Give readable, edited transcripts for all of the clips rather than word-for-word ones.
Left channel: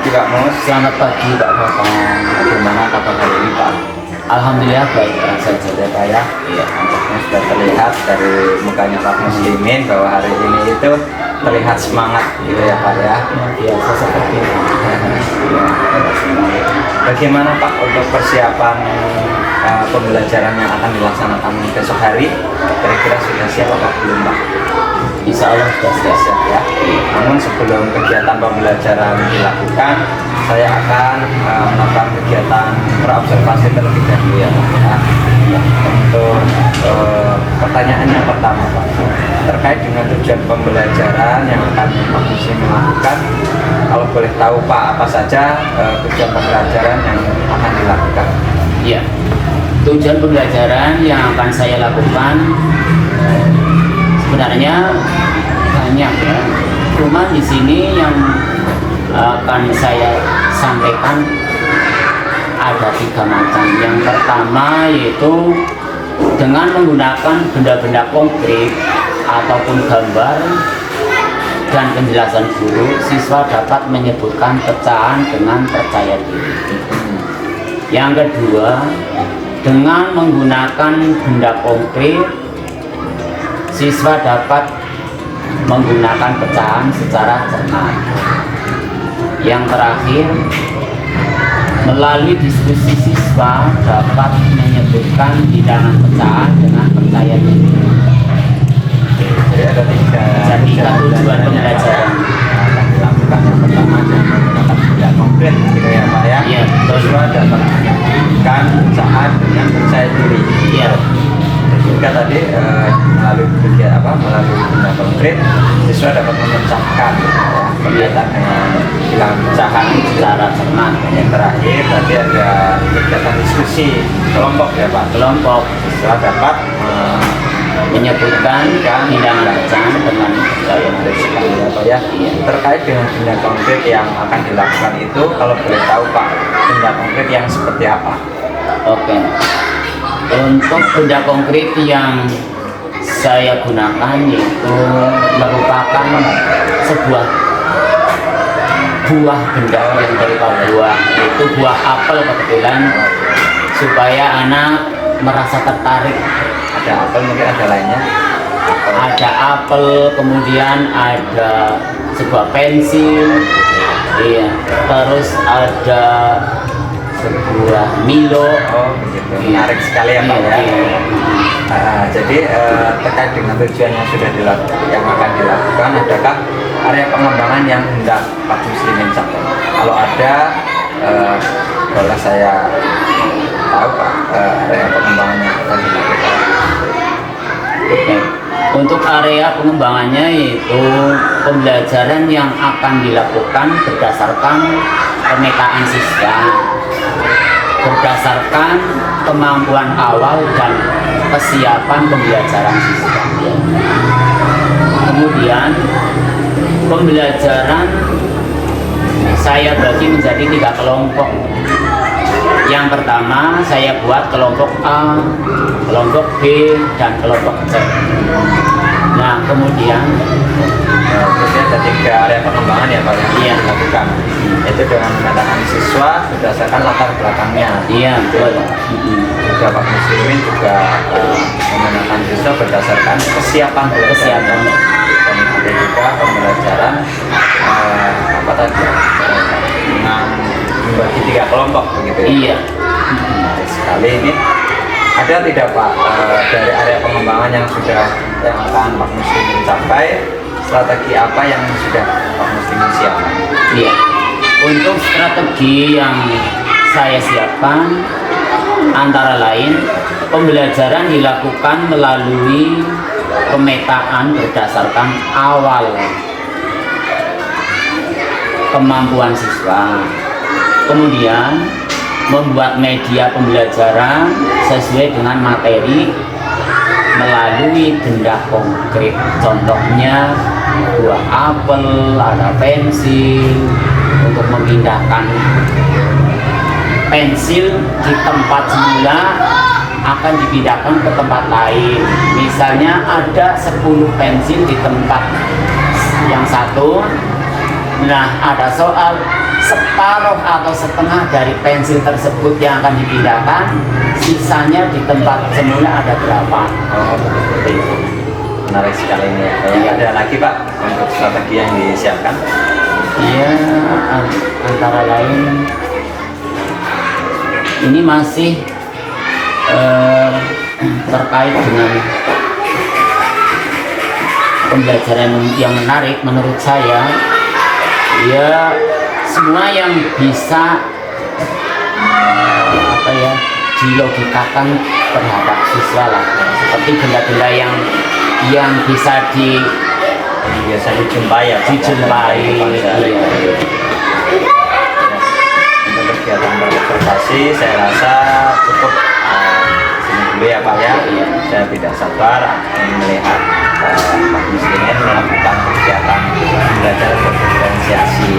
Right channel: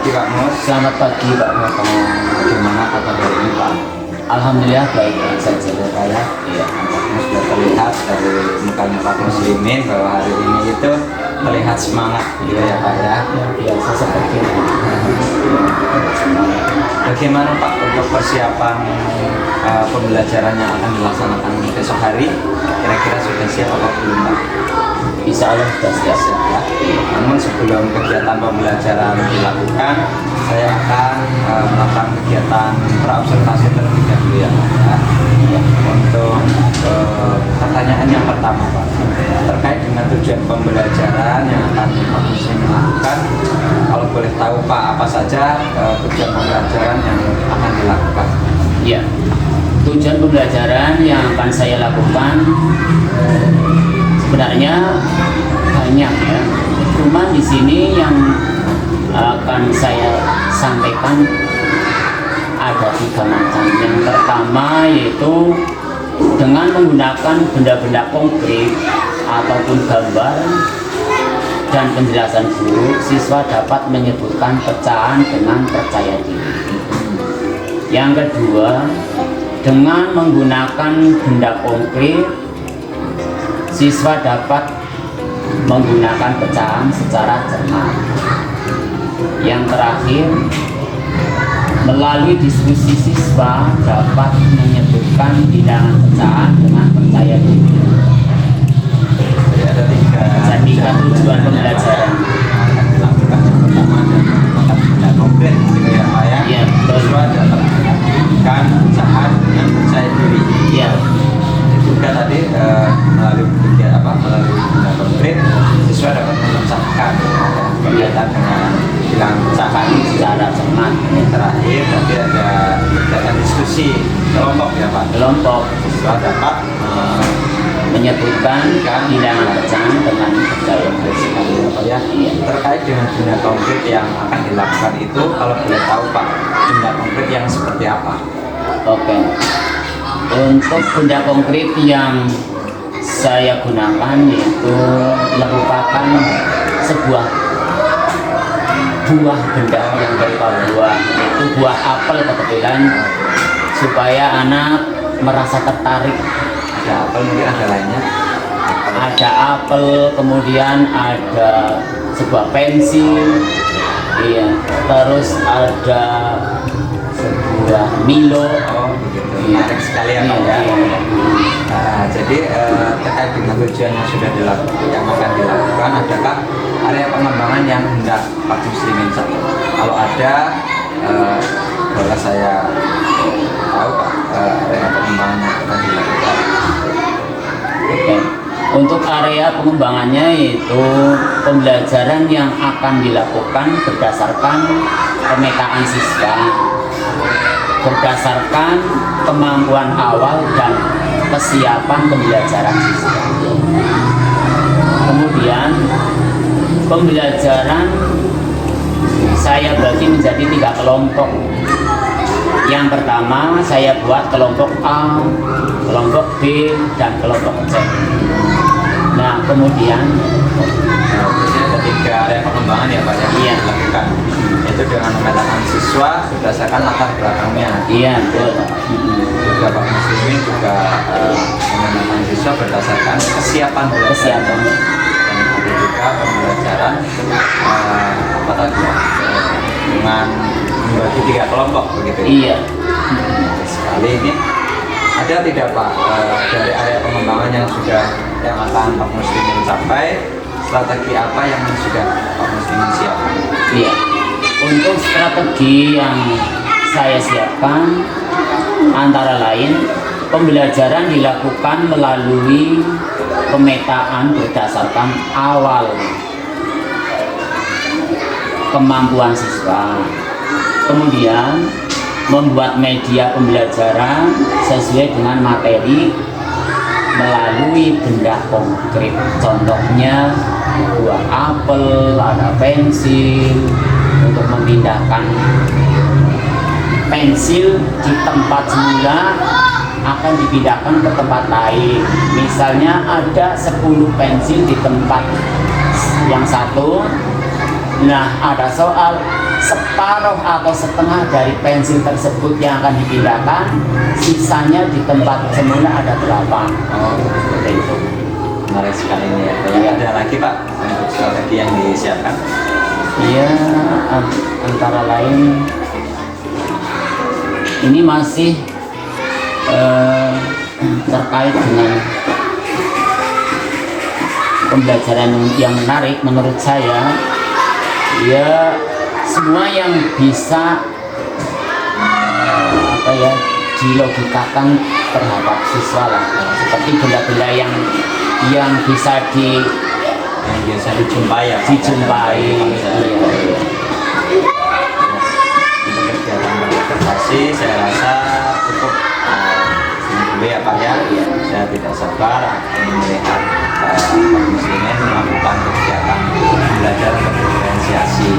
pagi Pak Mus. Selamat pagi Pak Bapak. Bagaimana kabar hari ini Pak? Alhamdulillah baik saja ya Pak ya. Iya, nampaknya sudah terlihat dari mukanya Pak Muslimin bahwa hari ini itu terlihat semangat gitu ya Pak ya. Ya biasa seperti itu. Bagaimana Pak untuk persiapan pembelajaran yang akan dilaksanakan besok hari? Kira-kira sudah siap apa belum Pak? Insya Allah sudah siap. Siap ya. Namun sebelum kegiatan pembelajaran dilakukan, saya akan melakukan kegiatan praobservasi terlebih dahulu ya Pak ya. Untuk pertanyaan yang pertama Pak, terkait dengan tujuan pembelajaran yang akan Pak Muslim lakukan, kalau boleh tahu Pak apa saja tujuan pembelajaran yang akan dilakukan? Ya, tujuan pembelajaran yang akan saya lakukan sebenarnya banyak ya. Cuma di sini yang akan saya sampaikan ada 3 macam. Yang pertama yaitu dengan menggunakan benda-benda konkret ataupun gambar dan penjelasan guru, siswa dapat menyebutkan pecahan dengan percaya diri. Yang kedua, dengan menggunakan benda konkret, siswa dapat menggunakan pecahan secara cermat. Yang terakhir, melalui diskusi siswa dapat menyebutkan bilangan pecahan dengan percaya diri. Jadi ada 3 tujuan pembelajaran akan dilakukan. Yang pertama adalah menggunakan benda konkret gitu ya Pak ya. Iya, betul. Kedua dapat menyebutkan pecahan dengan percaya diri. Iya. Juga tadi melalui benda konkret, siswa dapat mengucapkan kegiatan dengan bilang pecahan Secara cermat. Yang terakhir tadi ada kegiatan diskusi kelompok ya Pak. Kelompok Siswa dapat menyebutkan bilangan pecahan dengan percaya diri. sekali ya Pak ya. Terkait dengan benda konkret yang akan dilakukan itu, kalau boleh tahu Pak, benda konkret yang seperti apa? Oke. Untuk benda konkret yang saya gunakan yaitu merupakan sebuah buah benda yang berupa buah, yaitu buah apel kebetulan, supaya anak merasa tertarik. Ada apel, mungkin ada lainnya. Ada apel, kemudian ada sebuah pensil, iya, terus ada sebuah Milo. Oh begitu, menarik sekali ya Pak ya. Jadi terkait dengan tujuan yang sudah dilakukan, yang akan dilakukan, adakah area pengembangan yang hendak Pak Muslimin capai? Kalau ada, boleh saya tahu Pak area pengembangan yang akan dilakukan? Oke. Untuk area pengembangannya yaitu pembelajaran yang akan dilakukan berdasarkan pemetaan siswa, berdasarkan kemampuan awal dan kesiapan pembelajaran siswa. Kemudian pembelajaran saya bagi menjadi 3 kelompok. Yang pertama saya buat kelompok A, kelompok B, dan kelompok C. Nah kemudian Jadi ada 3 area pengembangan ya Pak yang Iya. dilakukan. Itu dengan memetakan siswa berdasarkan latar belakangnya. iya betul. Juga Pak Muslimin juga memetakan siswa berdasarkan kesiapan belajar. Kesiapan. Dan ada juga pembelajaran apa tadi dengan membagi 3 kelompok begitu ya. Iya. Menarik sekali ini. Ada tidak Pak dari area pengembangan yang akan Pak Muslimin capai, strategi apa yang sudah Pak Muslimin siapkan? Iya. Untuk strategi yang saya siapkan antara lain pembelajaran dilakukan melalui pemetaan berdasarkan awal kemampuan siswa. Kemudian membuat media pembelajaran sesuai dengan materi melalui benda konkret. Contohnya buah apel, ada pensil, untuk memindahkan pensil di tempat semula akan dipindahkan ke tempat lain. Misalnya ada 10 pensil di tempat yang satu, Nah, ada soal separuh atau setengah dari pensil tersebut yang akan dipindahkan, sisanya di tempat semula ada berapa? Oh, betul itu. Menarik sekali ini ya. Kayaknya ada lagi Pak untuk strategi yang disiapkan. Iya, antara lain ini masih terkait dengan pembelajaran yang menarik menurut saya. Ya, semua yang bisa dilogikakan terhadap siswa lah, seperti benda-benda yang bisa Biasa dijumpai ya Pak, dijumpai. ya. Untuk kegiatan berobservasi saya rasa cukup sini dulu ya Pak ya. Saya tidak sabar akan melihat Pak Muslimin melakukan kegiatan belajar berdiferensiasi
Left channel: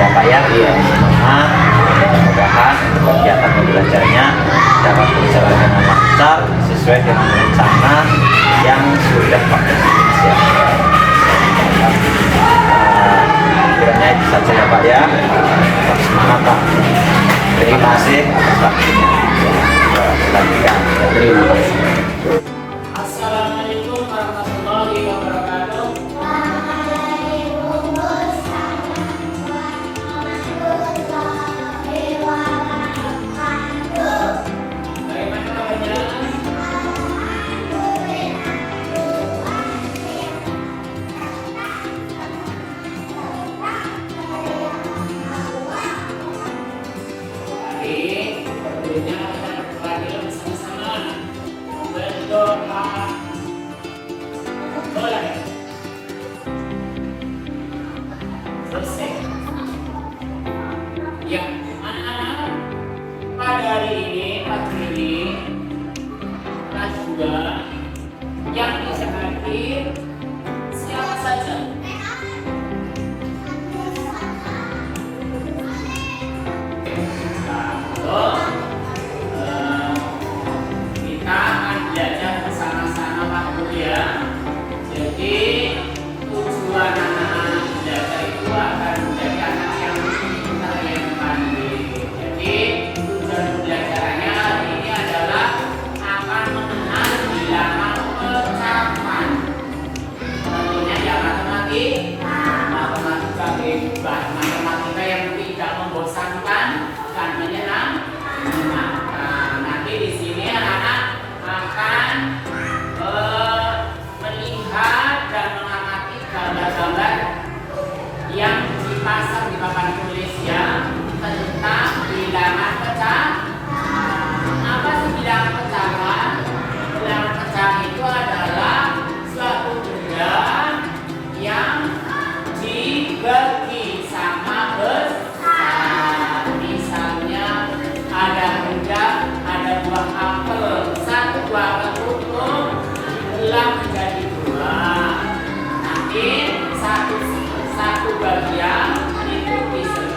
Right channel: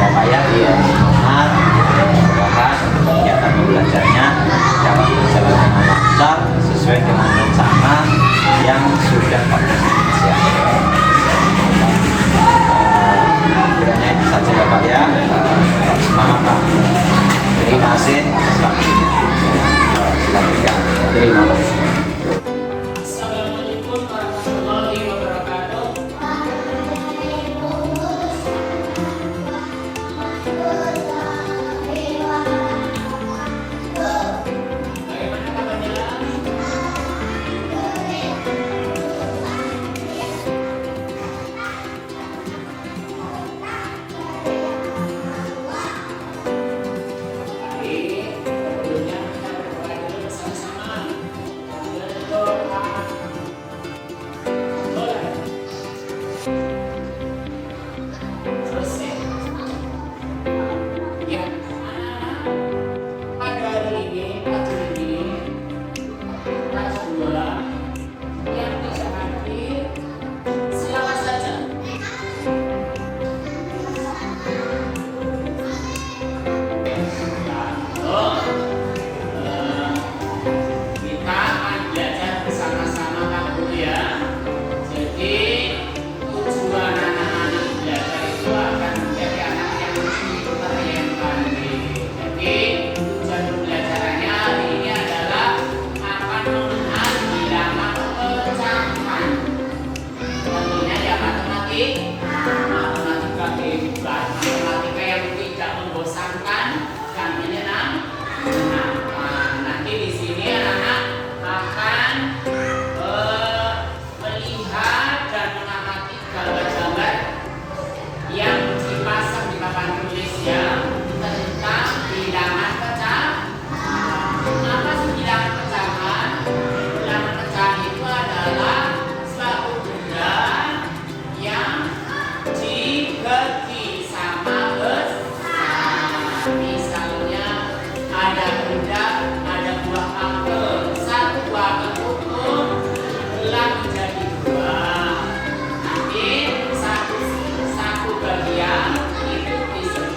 ya Pak ya. Semangat, mudah-mudahan kegiatan belajarnya dapat berjalan dengan lancar sesuai dengan rencana yang sudah Pak Muslimin siapkan. Kiranya itu saja ya Pak ya. Tetap semangat Pak. Terima kasih atas waktunya. Lanjutkan. Terima kasih. Assalamualaikum warahmatullahi wabarakatuh. Bagaimana kabarnya? Baik, tentunya kita berpelajari bersama-sama. Berdoa. Boleh. Selesai. Ya, anak-anak, pada hari ini, pagi ini, kelas 2 yang bisa hadir siapa saja? Kita akan belajar bersama-sama Pak Guru ya. Jadi tujuan anak-anak belajar itu akan menjadi anak yang pintar, yang pandai. Jadi tujuan pembelajarannya hari ini adalah akan mengenal bilangan pecahan. Tentunya ya matematika yang tidak membosankan dan menyenangkan. Nanti di sini anak-anak akan melihat dan mengamati gambar-gambar yang dipasang di papan tulis ya tentang bilangan pecahan. Apa sih bilangan pecahan? Bilangan pecahan itu adalah suatu benda yang dibagi sama besar. Misalnya ada benda, ada buah apel, satu buah apel utuh belah menjadi dua. Nanti satu bagian itu disebut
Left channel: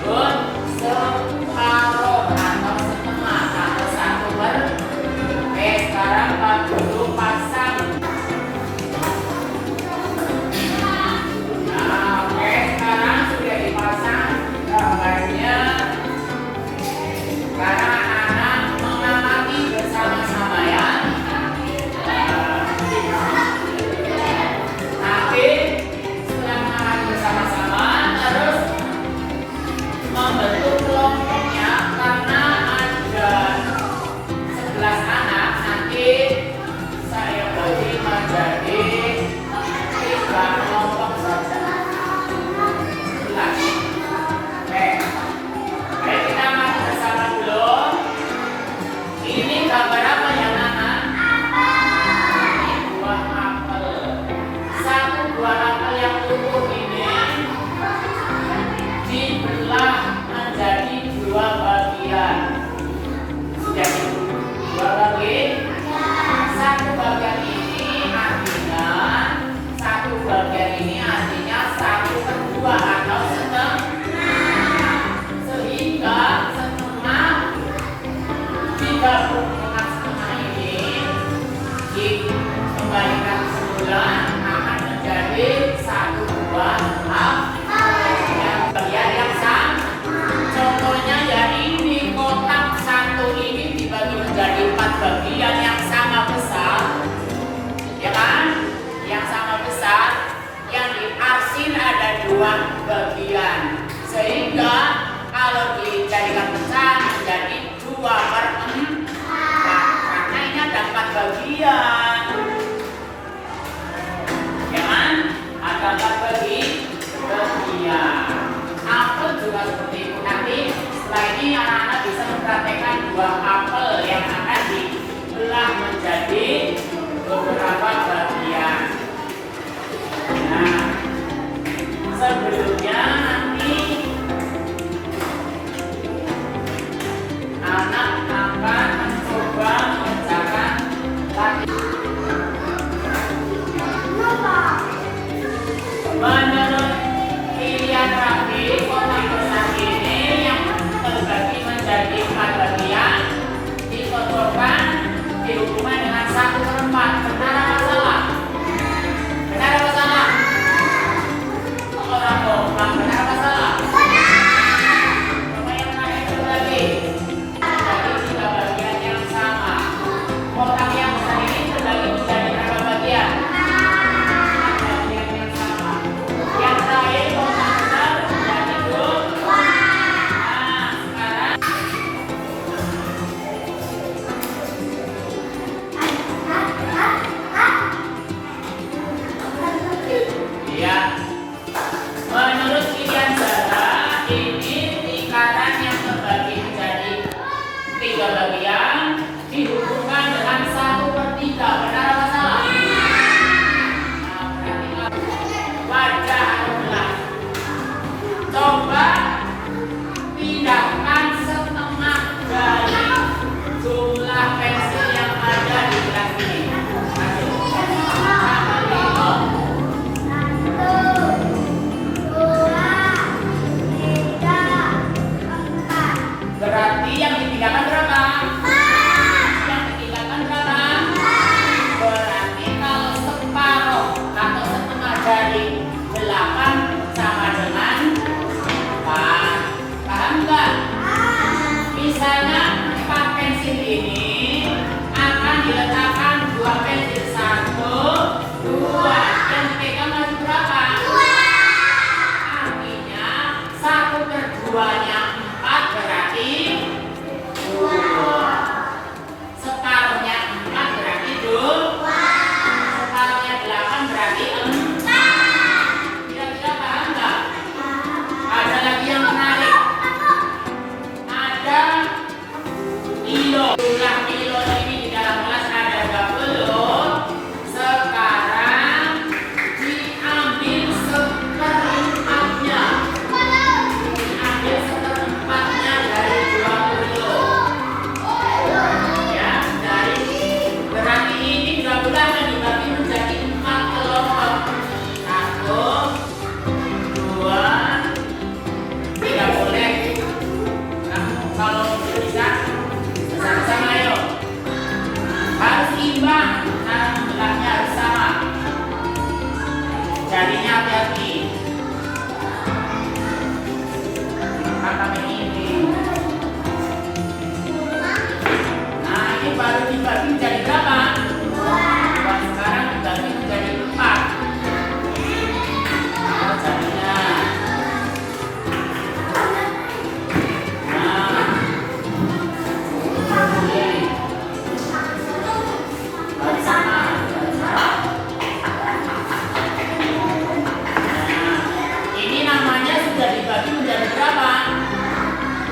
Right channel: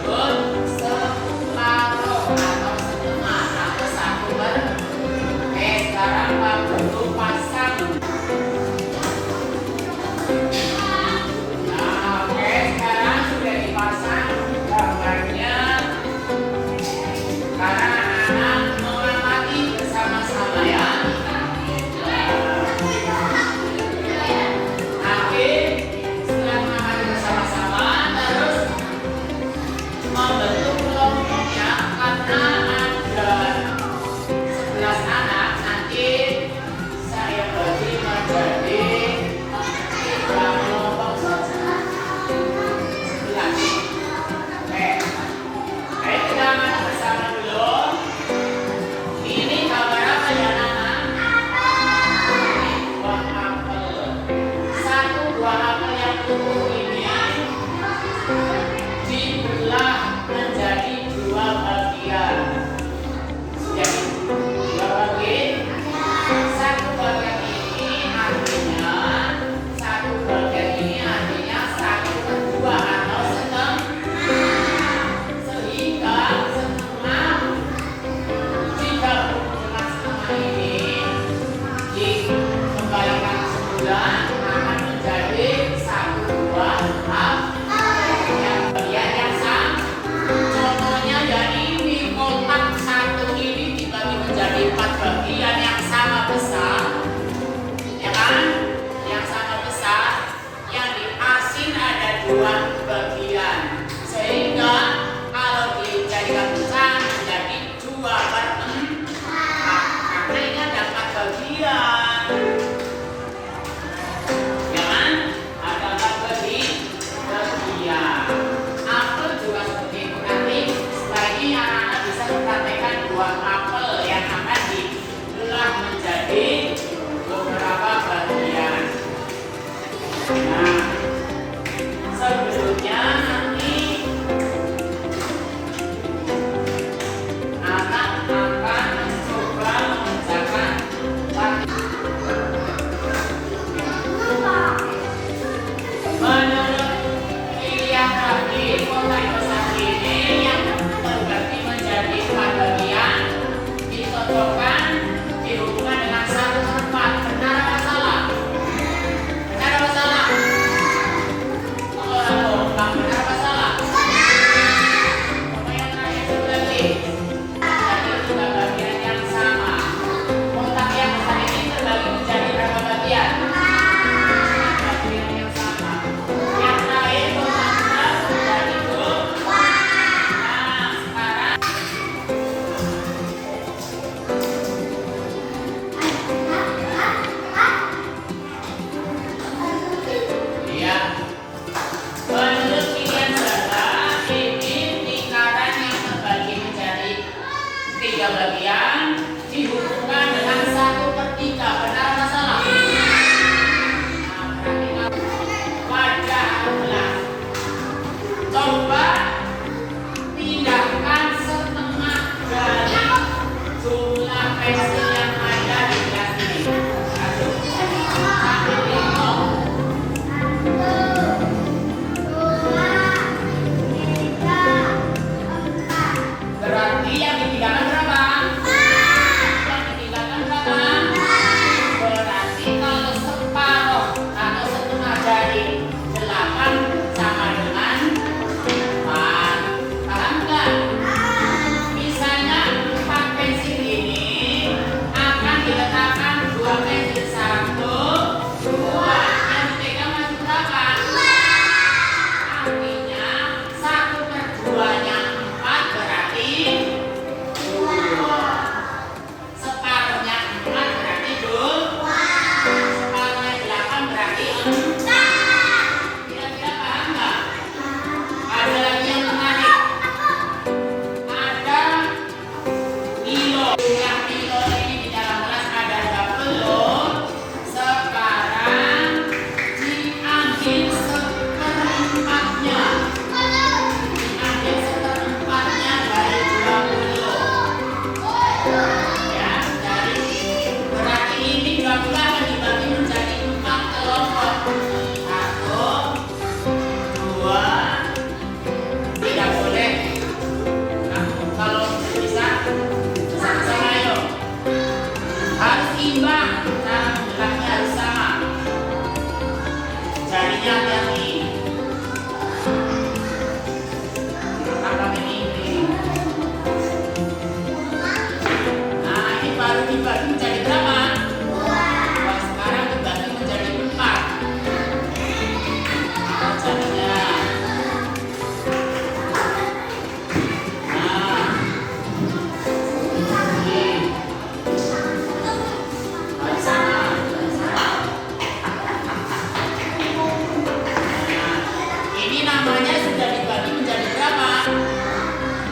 drama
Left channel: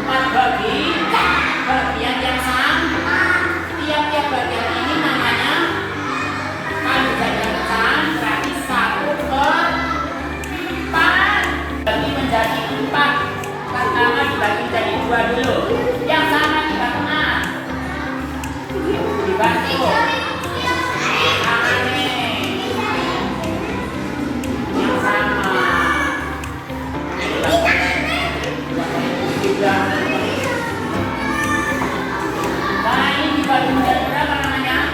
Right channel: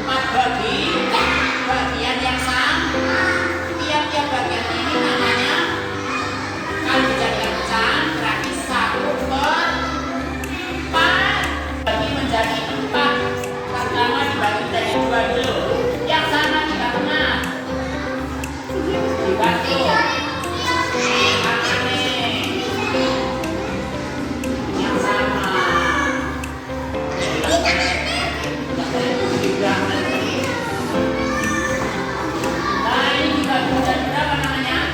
4 bagian yang sama. Tiap-tiap bagian ini namanya kalau dijadikan pecahan berarti 1/4 bagi menjadi 4. Pertama dibagi jadi 2 dulu. Yang sama kita kenal. Dibagi yang sama. Nah ini dibagi menjadi berapa namanya?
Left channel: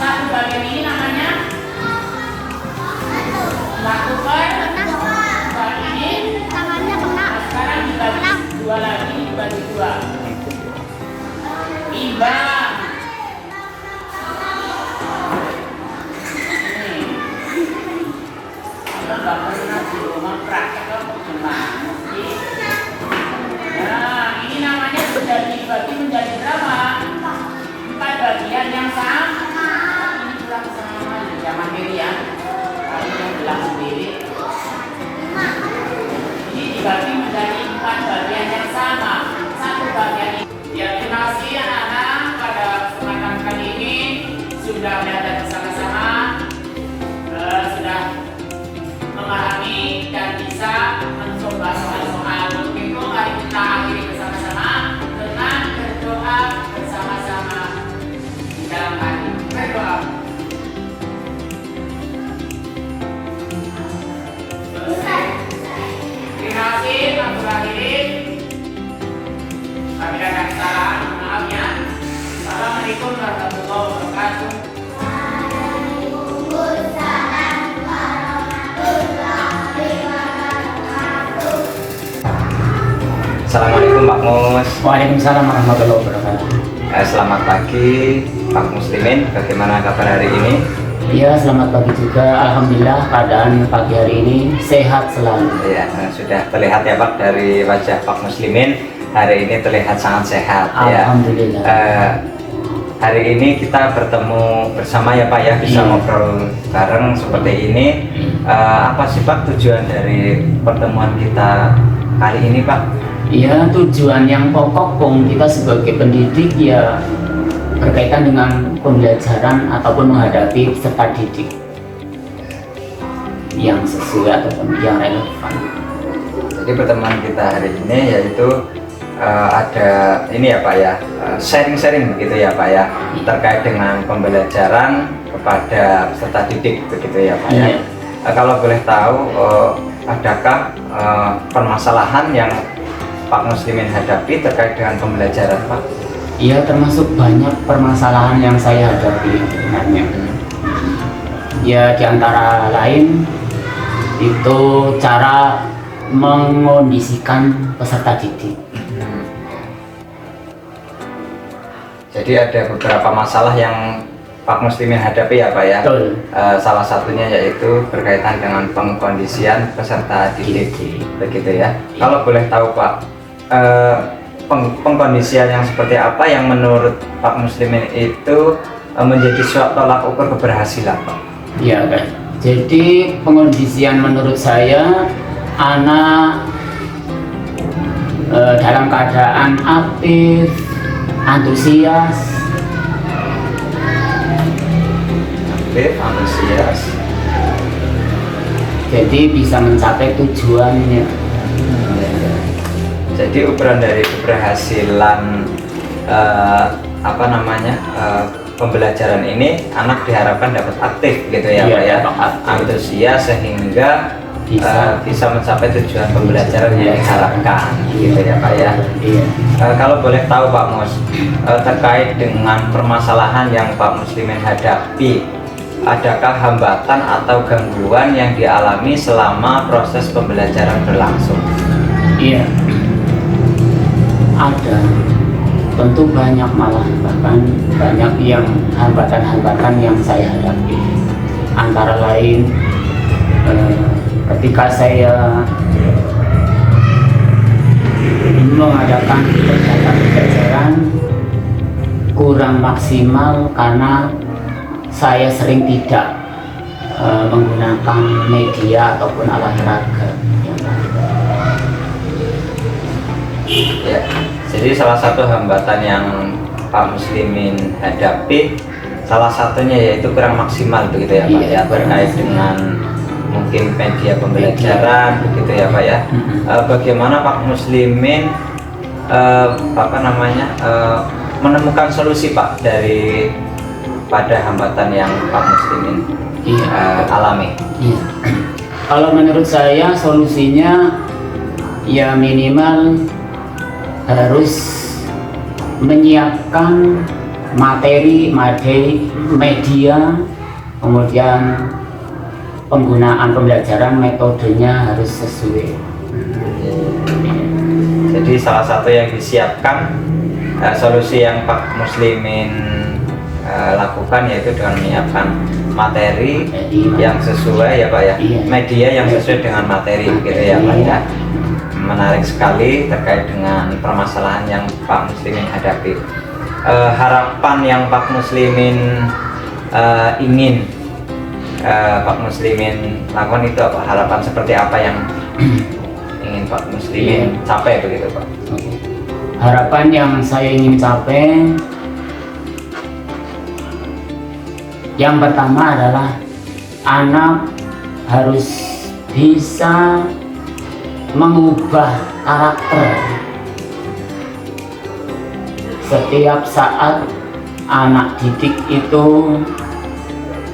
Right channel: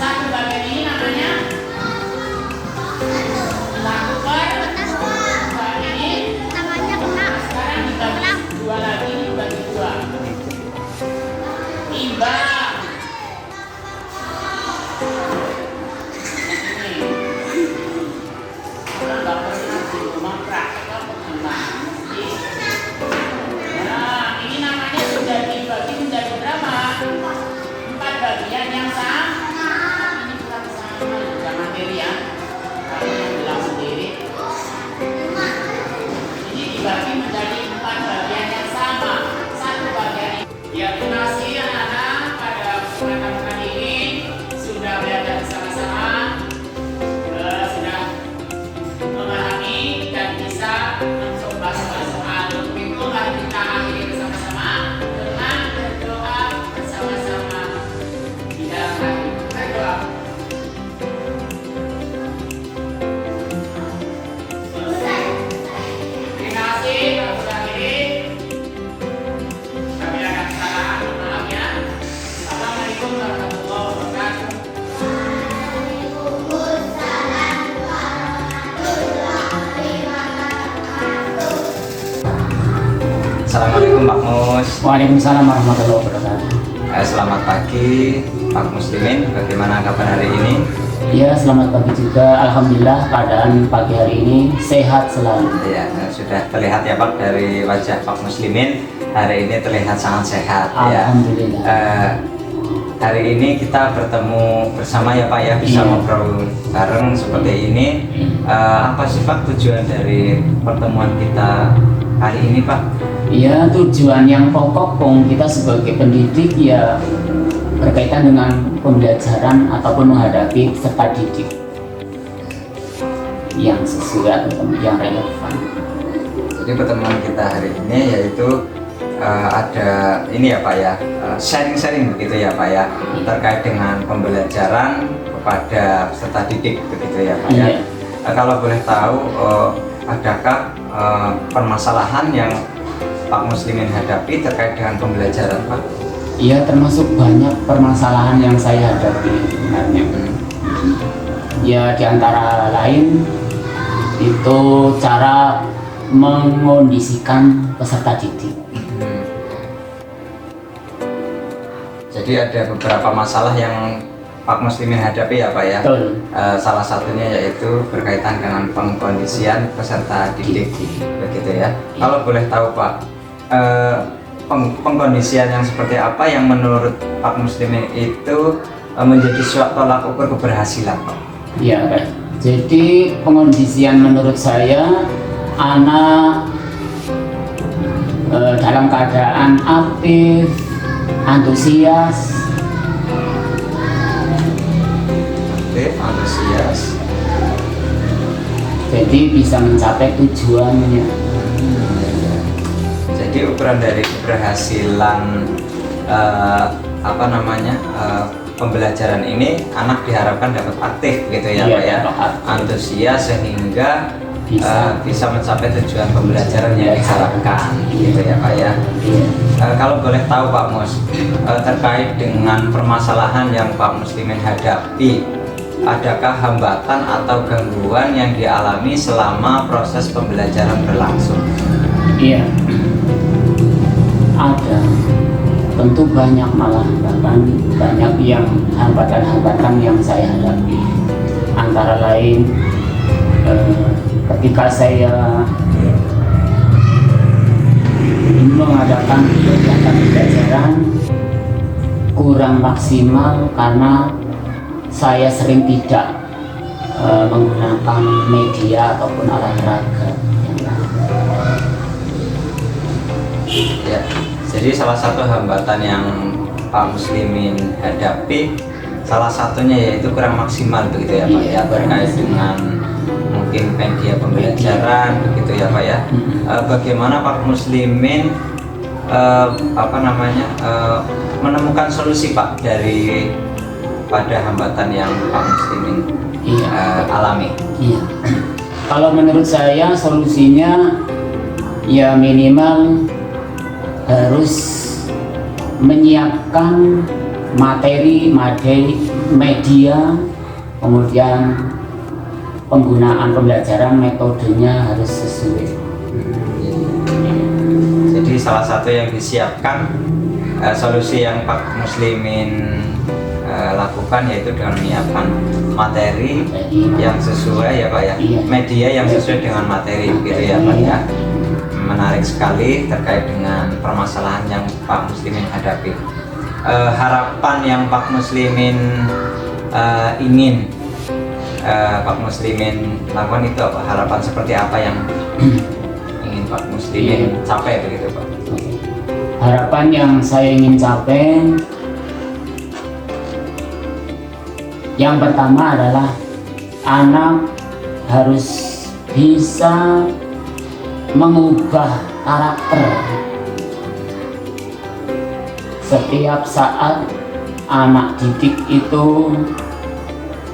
Satu bagian ini namanya 1/2 ini. Nah sekarang dibagi 2 lagi, dibagi 2. Imbang. Ini. Kita nggak pernah di rumah praktek apa gimana sih? Nah ini namanya sudah dibagi menjadi berapa? 4 bagian yang sama. Ini kurang sama ya, jangan diri ya. Kalau yang bilang sendiri. Ini dibagi menjadi 4 bagian yang sama. Satu bagian ini. Ya terima kasih anak-anak pada kesempatan kali ini sudah belajar bersama-sama, sudah memahami dan bisa mencoba soal-soal. Minggu mari kita akhiri bersama-sama dengan berdoa bersama-sama di dalam hati. Berdoa. Terima kasih Pak Zulahiri. Kami akan kesalahan, maaf ya. Assalamualaikum warahmatullahi wabarakatuh. Assalamualaikum Pak Mus. Waalaikumsalam warahmatullahi wabarakatuh. Selamat pagi Pak Muslimin, bagaimana kabar hari ini? Ya, selamat pagi juga. Alhamdulillah keadaan pagi hari ini sehat selalu. Ya, sudah terlihat ya Pak dari wajah Pak Muslimin, hari ini terlihat sangat sehat ya. Alhamdulillah. Hari ini kita bertemu bersama ya Pak ya, bisa ngobrol bareng seperti ini. Apa sih Pak tujuan dari pertemuan kita hari ini Pak? Ya, tujuan yang pokok kita sebagai pendidik ya berkaitan dengan pembelajaran ataupun menghadapi peserta didik yang sesuai ataupun yang relevan. Jadi pertemuan kita hari ini yaitu ada ini ya Pak ya, sharing-sharing begitu ya Pak ya, terkait dengan pembelajaran kepada peserta didik begitu ya Pak ya. Kalau boleh tahu, adakah permasalahan yang Pak Muslimin hadapi terkait dengan pembelajaran Pak? Iya, termasuk banyak permasalahan yang saya hadapi sebenarnya. Ya, diantara lain itu cara mengondisikan peserta didik. Jadi ada beberapa masalah yang Pak Muslimin hadapi ya Pak ya. Betul. Salah satunya yaitu berkaitan dengan pengkondisian peserta didik, begitu ya. Kalau boleh tahu Pak, pengkondisian yang seperti apa yang menurut Pak Muslimin itu menjadi suatu tolak ukur keberhasilan Pak? Iya, baik. Jadi pengondisian menurut saya anak dalam keadaan aktif, antusias, jadi bisa mencapai tujuannya. Jadi ukuran dari keberhasilan pembelajaran ini anak diharapkan dapat aktif gitu ya Pak ya, antusias sehingga bisa mencapai tujuan pembelajaran yang diharapkan gitu ya Pak ya. Kalau boleh tahu Pak Mus, terkait dengan permasalahan yang Pak Muslimin hadapi, adakah hambatan atau gangguan yang dialami selama proses pembelajaran berlangsung? Iya, ada. Tentu banyak, malah bahkan banyak yang hambatan-hambatan yang saya hadapi. Antara lain ketika saya ini mengadakan kegiatan pembelajaran kurang maksimal karena saya sering tidak menggunakan media ataupun alat peraga. Ya, jadi salah satu hambatan yang Pak Muslimin hadapi, salah satunya yaitu kurang maksimal begitu ya Pak ya, terkait dengan mungkin media pembelajaran begitu ya Pak ya. Bagaimana Pak Muslimin menemukan solusi Pak dari pada hambatan yang Pak Muslimin alami? Iya. Kalau menurut saya solusinya ya minimal harus menyiapkan materi, media, kemudian penggunaan pembelajaran metodenya harus sesuai. Jadi salah satu yang disiapkan solusi yang Pak Muslimin lakukan yaitu dengan menyiapkan materi yang sesuai ya Pak ya, media yang sesuai dengan materi gitu ya Pak ya. Menarik sekali terkait dengan permasalahan yang Pak Muslimin hadapi. Harapan yang Pak Muslimin ingin Pak Muslimin lakukan itu apa? Harapan seperti apa yang ingin Pak Muslimin capai begitu Pak? Harapan yang saya ingin capai yang pertama adalah anak harus bisa mengubah karakter. Setiap saat anak didik itu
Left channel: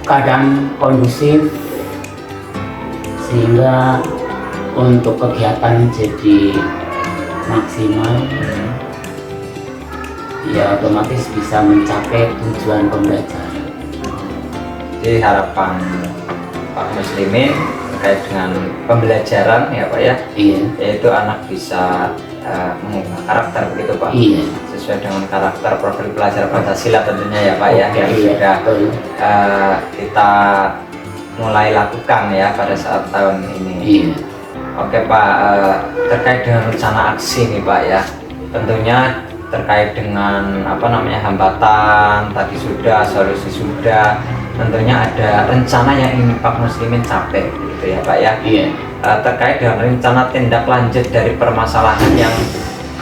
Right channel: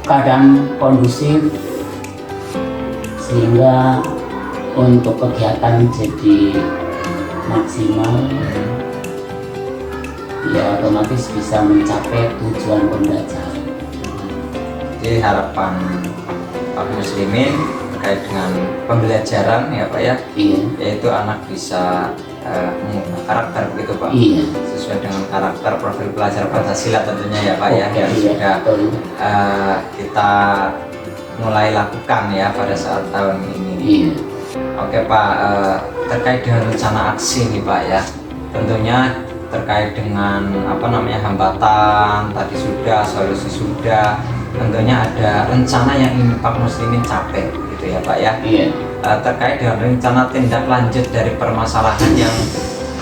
kadang kondusif sehingga untuk kegiatan jadi maksimal, ya otomatis bisa mencapai tujuan pembelajaran. Jadi harapan Pak Muslimin terkait dengan pembelajaran ya Pak ya, yaitu anak bisa mengubah karakter begitu Pak, sesuai dengan karakter profil pelajar Pancasila tentunya ya Pak ya, yang sudah kita mulai lakukan ya pada saat tahun ini. Oke Pak, terkait dengan rencana aksi nih Pak ya, tentunya terkait dengan hambatan tadi sudah, solusi sudah, tentunya ada rencana yang ingin Pak Muslimin capai gitu ya Pak ya. Terkait dengan rencana tindak lanjut dari permasalahan yang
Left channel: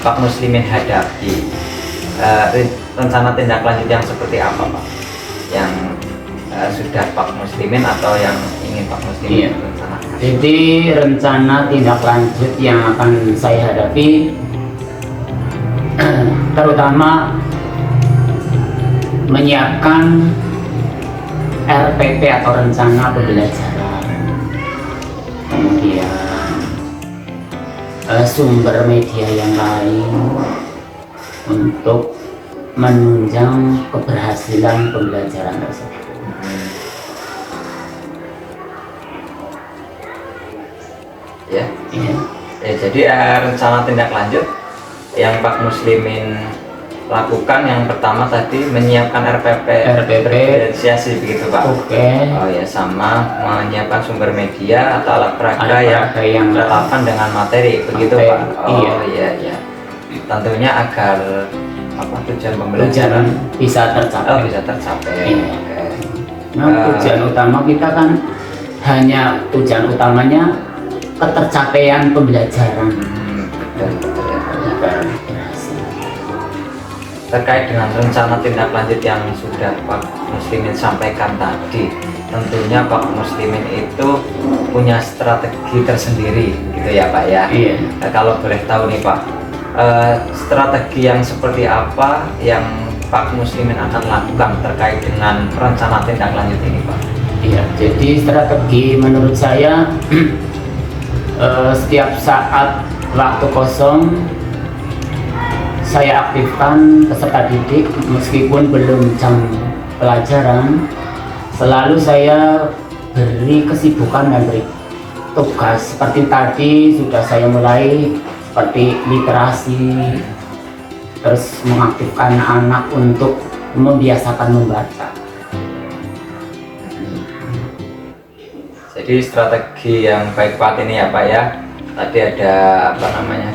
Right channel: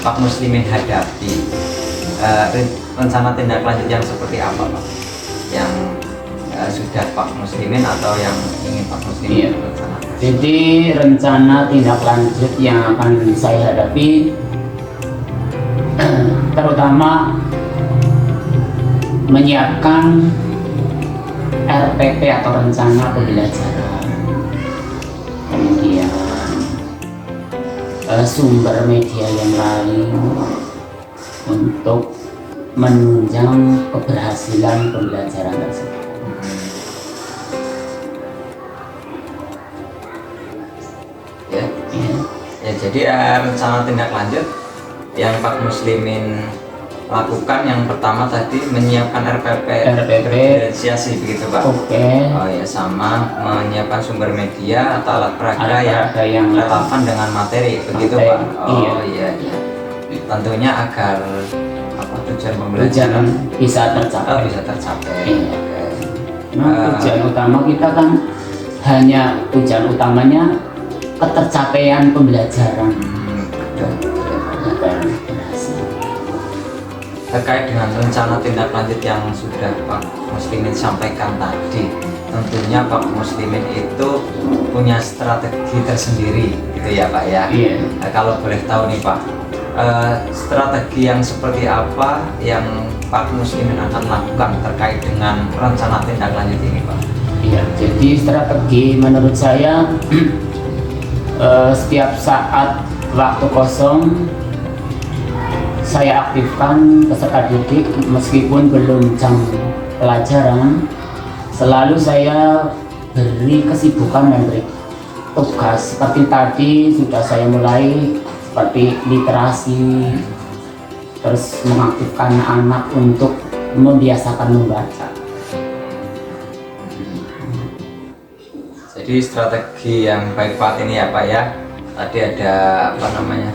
Pak Muslimin hadapi, rencana tindak lanjut yang seperti apa Pak yang sudah Pak Muslimin atau yang ingin Pak Muslimin rencanakan? Jadi rencana tindak lanjut yang akan saya hadapi terutama menyiapkan RPP atau rencana pembelajaran, kemudian sumber media yang lain untuk menunjang keberhasilan pembelajaran tersebut. Ya, jadi rencana tindak lanjut yang Pak Muslimin lakukan yang pertama tadi menyiapkan RPP diferensiasi begitu Pak. Oh ya, sama menyiapkan sumber media atau alat peraga yang relevan dengan materi begitu Pak. Oh iya. Tentunya agar tujuan pembelajaran bisa tercapai. Bisa tercapai. Nah, tujuan utama kita kan tujuan utamanya ketercapaian pembelajaran. Terkait dengan rencana tindak lanjut yang sudah Pak Muslimin sampaikan tadi, tentunya Pak Muslimin itu punya strategi tersendiri gitu ya Pak ya. Nah, kalau boleh tahu nih Pak, strategi yang seperti apa yang Pak Muslimin akan lakukan terkait dengan rencana tindak lanjut ini Pak? Jadi strategi menurut saya setiap saat waktu kosong saya aktifkan peserta didik meskipun belum jam pelajaran, selalu saya beri kesibukan dan beri tugas. Seperti tadi sudah saya mulai seperti literasi, terus mengaktifkan anak untuk membiasakan membaca. Jadi strategi yang baik Pak ini ya Pak ya, tadi ada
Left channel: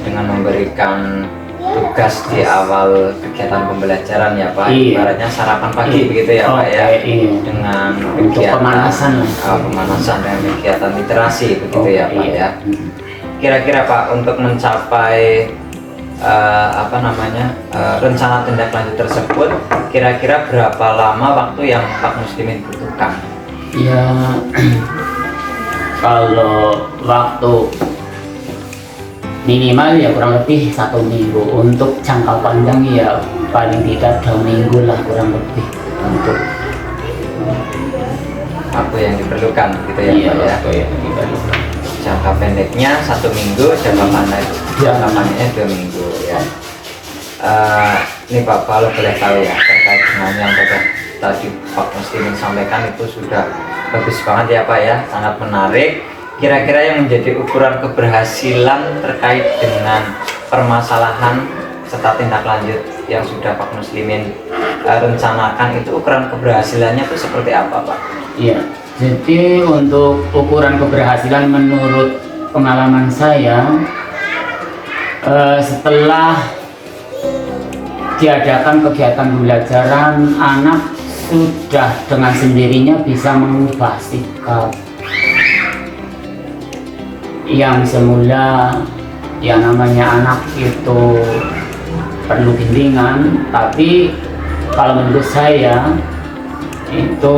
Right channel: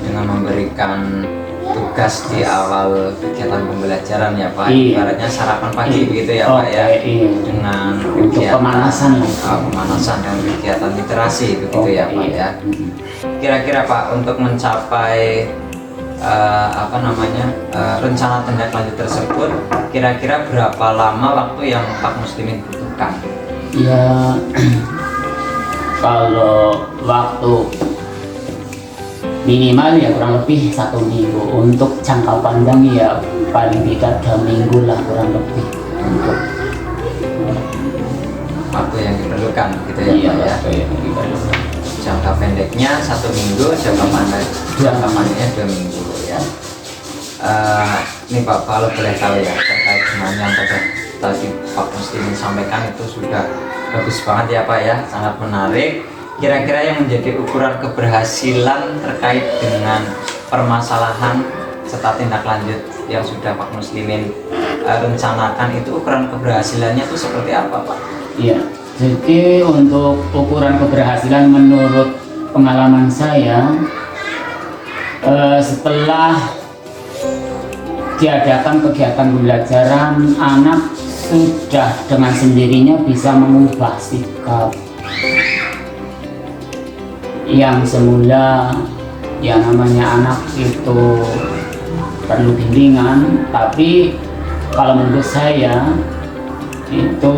dengan memberikan tugas di awal kegiatan pembelajaran ya Pak, ibaratnya sarapan pagi begitu ya Pak ya, dengan kegiatan pemanasan dengan kegiatan literasi begitu ya Pak ya. Kira-kira Pak, untuk mencapai rencana tindak lanjut tersebut, kira-kira berapa lama waktu yang Pak Muslimin butuhkan? Ya, kalau waktu minimal ya kurang lebih 1 minggu. Untuk jangka panjang ya paling tidak 2 minggu lah kurang lebih untuk Waktu yang diperlukan gitu ya, iya, Pak ya. waktu yang diperlukan. Jangka pendeknya 1 minggu, jangka panjangnya 2 minggu ya. Ini Pak, kalau boleh tahu ya, terkait dengan yang tadi Pak Muslimin sampaikan itu sudah bagus banget ya Pak ya, sangat menarik. Kira-kira yang menjadi ukuran keberhasilan terkait dengan permasalahan serta tindak lanjut yang sudah Pak Muslimin rencanakan, itu ukuran keberhasilannya itu seperti apa Pak? Iya, jadi untuk ukuran keberhasilan menurut pengalaman saya, setelah diadakan kegiatan pembelajaran, anak sudah dengan sendirinya bisa mengubah sikap yang semula yang namanya anak itu perlu bimbingan, tapi kalau menurut saya itu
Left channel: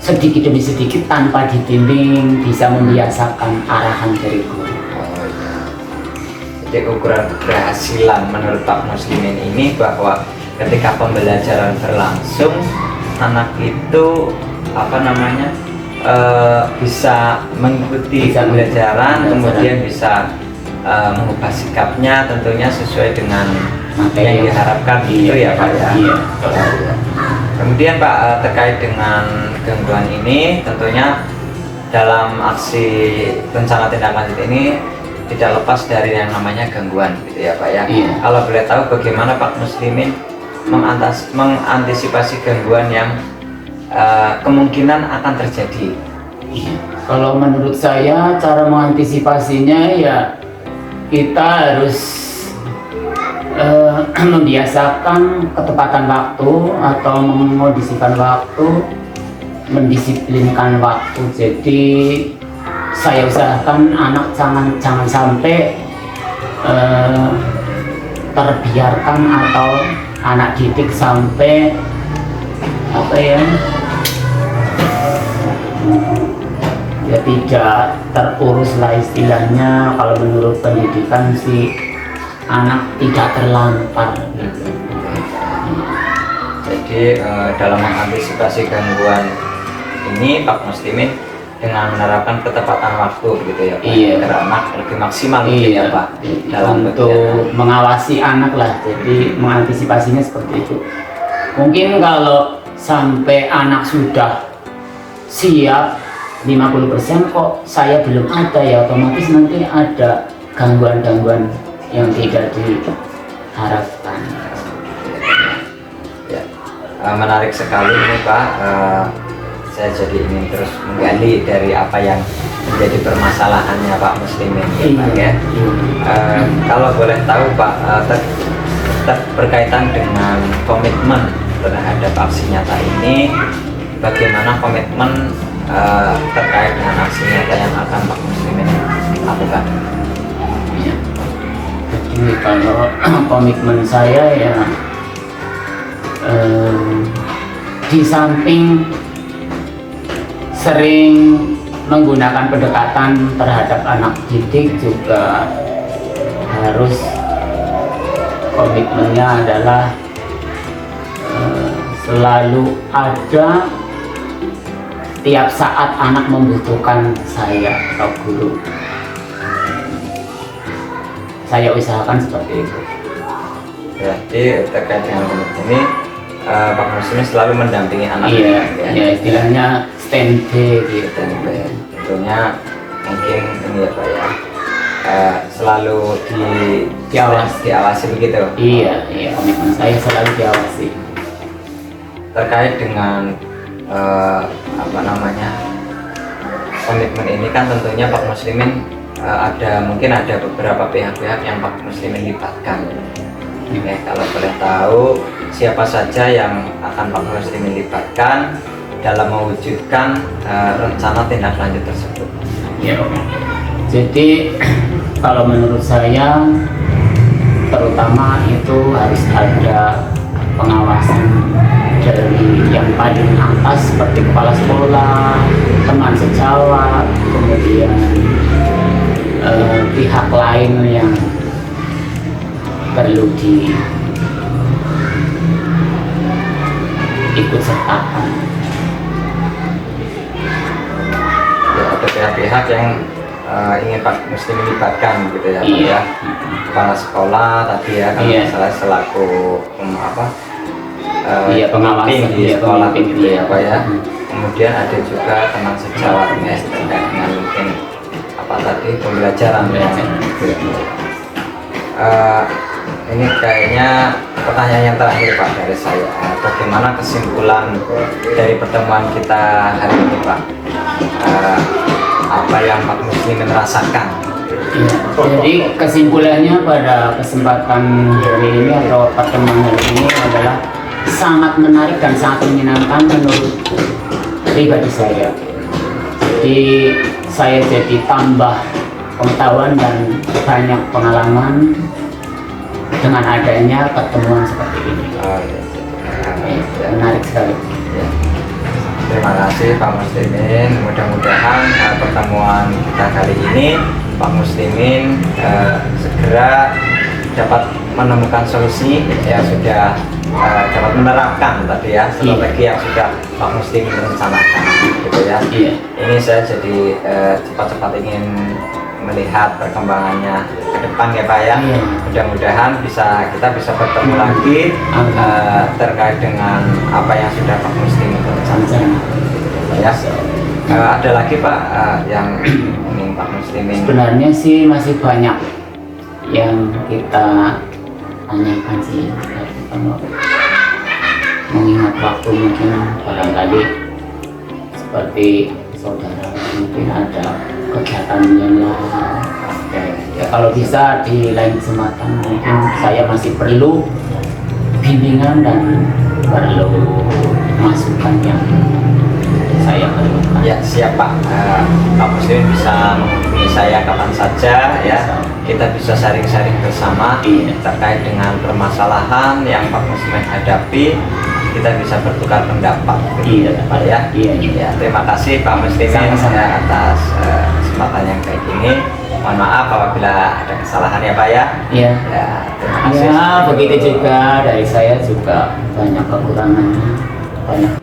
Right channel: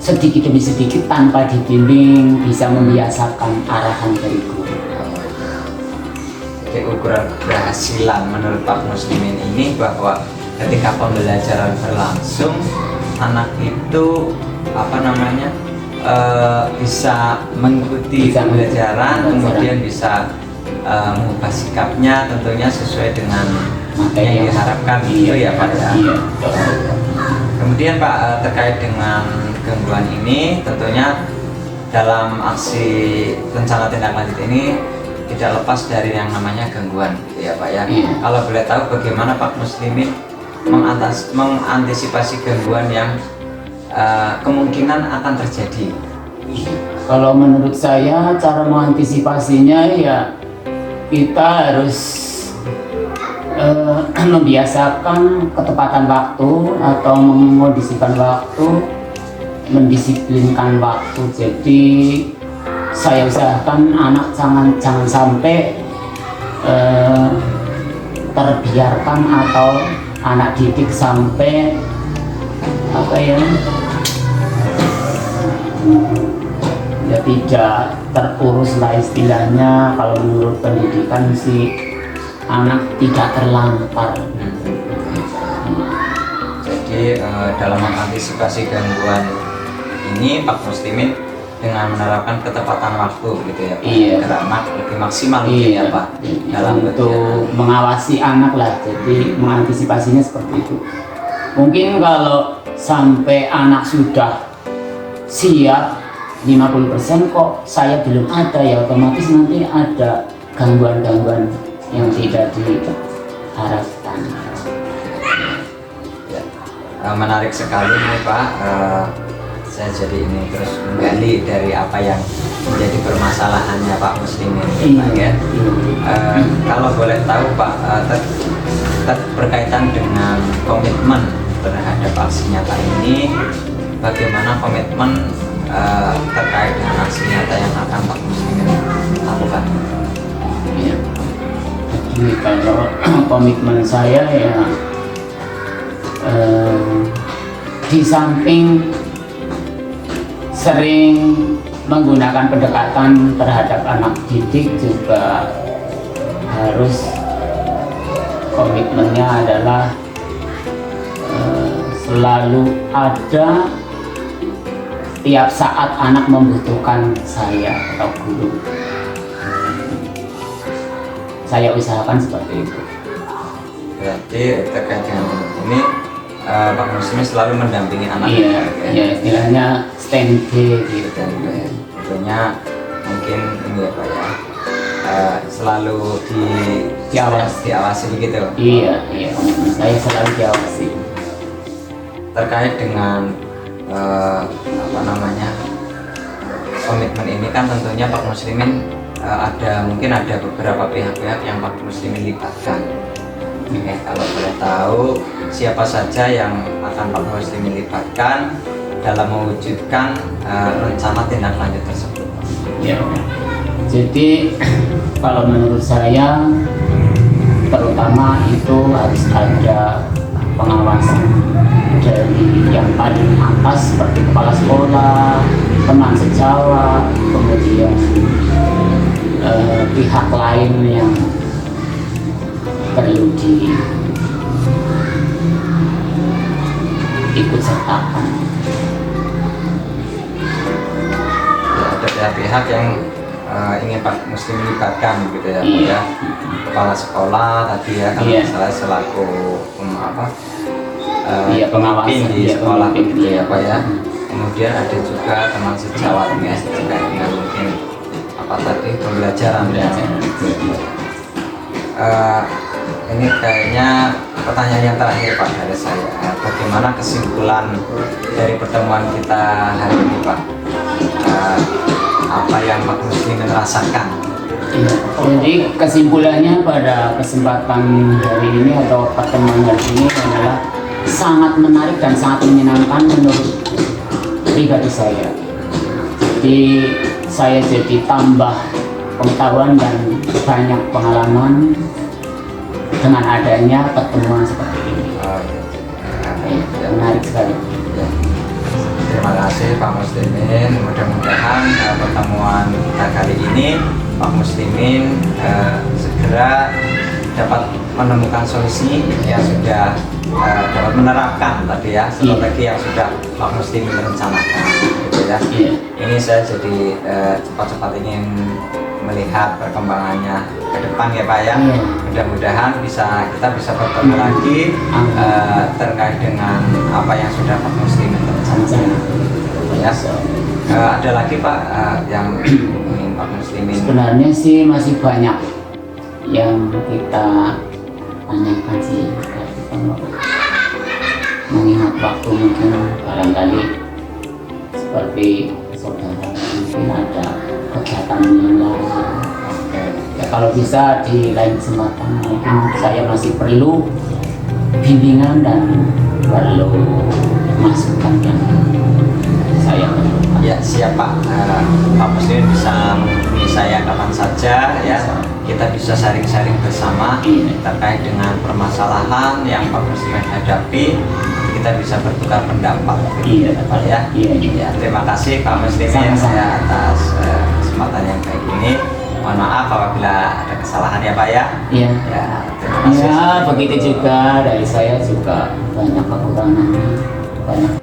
sedikit demi sedikit tanpa dibimbing bisa membiasakan arahan dari guru. Jadi ukuran keberhasilan menurut Pak Muslimin ini bahwa ketika pembelajaran berlangsung, anak itu bisa mengikuti pembelajaran, kemudian bisa mengubah sikapnya tentunya sesuai dengan yang diharapkan gitu ya Pak ya. Iya. Kemudian Pak, terkait dengan gangguan ini, tentunya dalam aksi rencana tindak lanjut ini tidak lepas dari yang namanya gangguan gitu ya Pak ya. Iya. Kalau boleh tahu bagaimana Pak Muslimin mengantisipasi gangguan yang kemungkinan akan terjadi? Kalau menurut saya cara mengantisipasinya ya kita harus membiasakan ketepatan waktu atau mengondisikan waktu, mendisiplinkan waktu. Jadi saya usahakan anak jangan sampai terbiarkan atau anak didik sampai ya tidak terurus lah istilahnya. Kalau menurut pendidikan sih anak tidak terlantar gitu. Jadi dalam mengantisipasi gangguan ini Pak Muslimin dengan menerapkan ketepatan waktu gitu ya Pak, Iya. agar anak lebih maksimal mungkin ya Pak dalam untuk mengawasi anak lah. Jadi mengantisipasinya seperti itu. Mungkin kalau sampai anak sudah siap 50% kok saya belum ada, ya otomatis nanti ada gangguan-gangguan yang tidak diharapkan. Ya, menarik sekali nih Pak. Saya jadi ingin terus menggali dari apa yang menjadi permasalahannya Pak Muslimin ya Pak ya. Kalau boleh tahu Pak, berkaitan dengan komitmen terhadap aksi nyata ini, bagaimana komitmen terkait dengan aksi nyata yang akan Pak Muslimin lakukan? Ya. Jadi kalau komitmen saya ya di samping sering menggunakan pendekatan terhadap anak didik, juga harus komitmennya adalah selalu ada tiap saat anak membutuhkan saya atau guru. Saya usahakan seperti itu. Berarti terkait dengan komitmen ini Pak Muslimin selalu mendampingi anak. Iya, ya istilahnya standby gitu. Tentunya mungkin ini ya Pak ya, selalu diawasi begitu. Iya, komitmen saya selalu diawasi. Terkait dengan komitmen ini kan tentunya Pak Muslimin mungkin ada beberapa pihak-pihak yang Pak Muslimin libatkan. Oke, kalau boleh tahu siapa saja yang akan Pak Muslimin libatkan dalam mewujudkan rencana tindak lanjut tersebut? Ya, jadi kalau menurut saya terutama itu harus ada pengawasan dari yang paling atas seperti kepala sekolah, teman sejawat, kemudian pihak lain yang perlu diikut sertakan. Ya, ada pihak-pihak yang ingin Pak Muslim dilibatkan gitu ya Pak Iya. ya. Kepala sekolah tadi ya kalau Iya. salah selaku Iya, pengawasan, di iya, sekolah pemimpin, gitu ya iya. Pak ya. Kemudian ada juga teman sejawatnya terkait dengan mungkin apa tadi pembelajaran ya. Ini kayaknya pertanyaan yang terakhir Pak dari saya. Bagaimana kesimpulan dari pertemuan kita hari ini Pak? Apa yang Pak Muslimin rasakan? Ya, jadi kesimpulannya pada kesempatan hari ini atau pertemuan hari ini adalah sangat menarik dan sangat menyenangkan menurut pribadi saya. Jadi saya jadi tambah pengetahuan dan banyak pengalaman dengan adanya pertemuan seperti ini. Menarik sekali. Ya. Terima kasih Pak Muslimin. Mudah-mudahan pertemuan kita kali ini Pak Muslimin segera dapat menemukan solusi ya, sudah dapat menerapkan tadi ya strategi yang sudah Pak Muslimin rencanakan gitu ya. Iya. Ini saya jadi cepat-cepat ingin melihat perkembangannya ke depan ya Pak ya. Iya. Mudah-mudahan kita bisa bertemu lagi terkait dengan apa yang sudah Pak Muslimin rencanakan ya. Ada lagi Pak yang ingin Pak Muslimin? Sebenarnya sih masih banyak yang kita tanyakan sih, kalau mengingat waktu mungkin barangkali seperti saudara mungkin ada kegiatan yang lain. Ya, kalau bisa di lain kesempatan mungkin saya masih perlu bimbingan dan perlu masukan yang saya perlukan. Ya siap Pak. Pak Muslimin bisa menghubungi saya kapan saja ya. Kita bisa sharing-sharing bersama terkait dengan permasalahan yang Pak Muslimin hadapi. Kita bisa bertukar pendapat gitu ya Pak ya. Ya, terima kasih Pak Muslimin ya, atas kesempatan yang kayak gini. Mohon maaf apabila ada kesalahan ya Pak ya. Iya. Ya, terima kasih. Ya, begitu juga dari saya juga banyak kekurangannya, banyak